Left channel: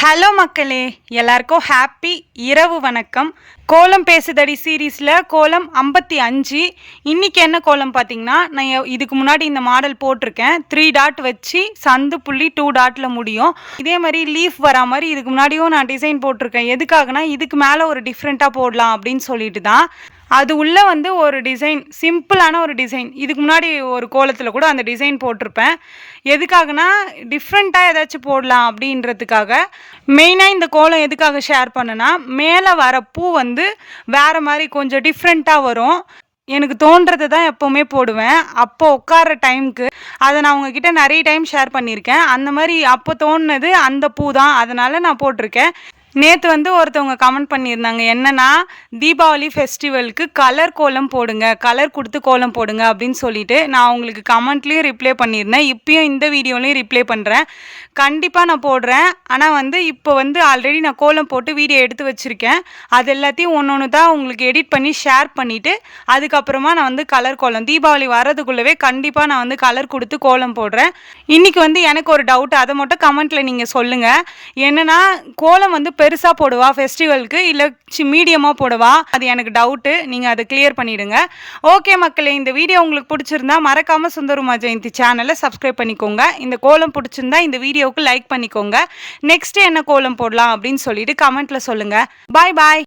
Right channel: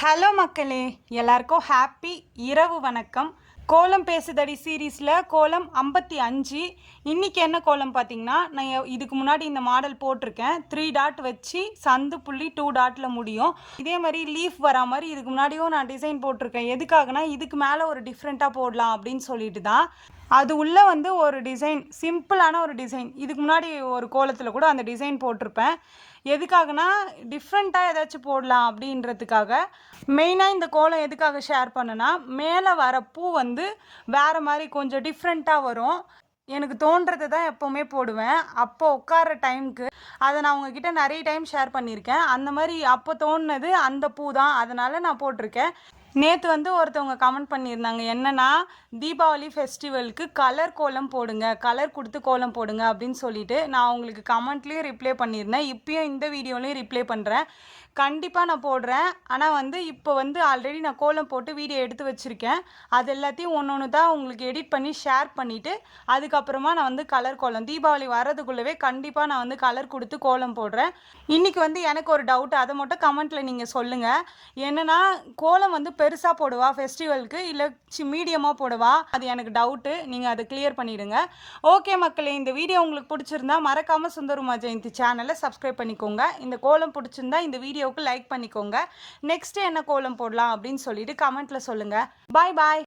Hello மக்களே, எல்லாருக்கும் happy இரவு வணக்கம். கோலம் பேசுதடி சீரீஸில் கோலம் 55. இன்றைக்கி என்ன கோலம் பார்த்தீங்கன்னா, நான் இதுக்கு முன்னாடி இந்த மாடல் போட்டிருக்கேன். 3 டாட் வச்சு சந்து புள்ளி 2 டாட்டில் முடியும். இதே மாதிரி லீஃப் வரா மாதிரி இதுக்கு முன்னாடியும் நான் டிசைன் போட்டிருக்கேன். எதுக்காகனா இதுக்கு மேலே ஒரு டிஃப்ரெண்ட்டாக போடலாம் அப்படின்னு சொல்லிட்டு தான். அது உள்ளே ஒரு டிசைன், சிம்பிளான ஒரு டிசைன். இதுக்கு முன்னாடி ஒரு கோலத்தில் கூட அந்த டிசைன் போட்டிருப்பேன். எதுக்காகனா டிஃப்ரெண்ட்டாக ஏதாச்சும் போடலாம் அப்படின்றதுக்காக. மெயினாக இந்த கோலம் எதுக்காக ஷேர் பண்ணேன்னா, மேலே வர பூ வேறு மாதிரி கொஞ்சம் டிஃப்ரெண்ட்டாக வரும். எனக்கு தோன்றதை தான் எப்போவுமே போடுவேன். அப்போ உட்கார டைமுக்கு அதை நான் உங்ககிட்ட நிறைய டைம் ஷேர் பண்ணியிருக்கேன். அந்த மாதிரி அப்போ தோணுனது அந்த பூ தான், அதனால் நான் போட்டிருக்கேன். நேற்று ஒருத்தவங்க கமெண்ட் பண்ணியிருந்தாங்க, என்னன்னா தீபாவளி ஃபெஸ்டிவலுக்கு கலர் கோலம் போடுங்க, கலர் கொடுத்து கோலம் போடுங்க அப்படின்னு சொல்லிட்டு. நான் உங்களுக்கு கமெண்ட்லேயும் ரிப்ளை பண்ணியிருந்தேன், இப்பயும் இந்த வீடியோலையும் ரிப்ளை பண்ணுறேன். கண்டிப்பாக நான் போடுறேன். ஆனால் இப்போ ஆல்ரெடி நான் கோலம் போட்டு வீடியோ எடுத்து வச்சுருக்கேன். அது எல்லாத்தையும் ஒன்று தான் உங்களுக்கு எடிட் பண்ணி ஷேர் பண்ணிவிட்டு அதுக்கப்புறமா நான் கலர் கோலம் தீபாவளி வர்றதுக்குள்ளவே கண்டிப்பாக நான் கலர் கொடுத்து கோலம் போடுறேன். இன்றைக்கி எனக்கு ஒரு டவுட், அதை மட்டும் கமெண்ட்டில் நீங்கள் சொல்லுங்கள். என்னென்னா கோலம் பெருசாக போடுவா ஃபெஸ்டிவலுக்கு, இல்லை மீடியமாக போடுவா? அது எனக்கு டவுட்டு. நீங்கள் அதை கிளியர் பண்ணிவிடுங்க. ஓகே மக்களே, இந்த வீடியோ உங்களுக்கு பிடிச்சிருந்தா மறக்காமல் சுந்தருமா ஜெயந்தி சேனலை சப்ஸ்கிரைப் பண்ணிக்கோங்க. இந்த கோலம் பிடிச்சிருந்தா இந்த வீடியோவுக்கு லைக் பண்ணிக்கோங்க. நெக்ஸ்ட் என்ன கோலம் போடலாம் அப்படின்னு சொல்லிட்டு கமெண்ட்டில் சொல்லுங்கள். பாய் பாய்.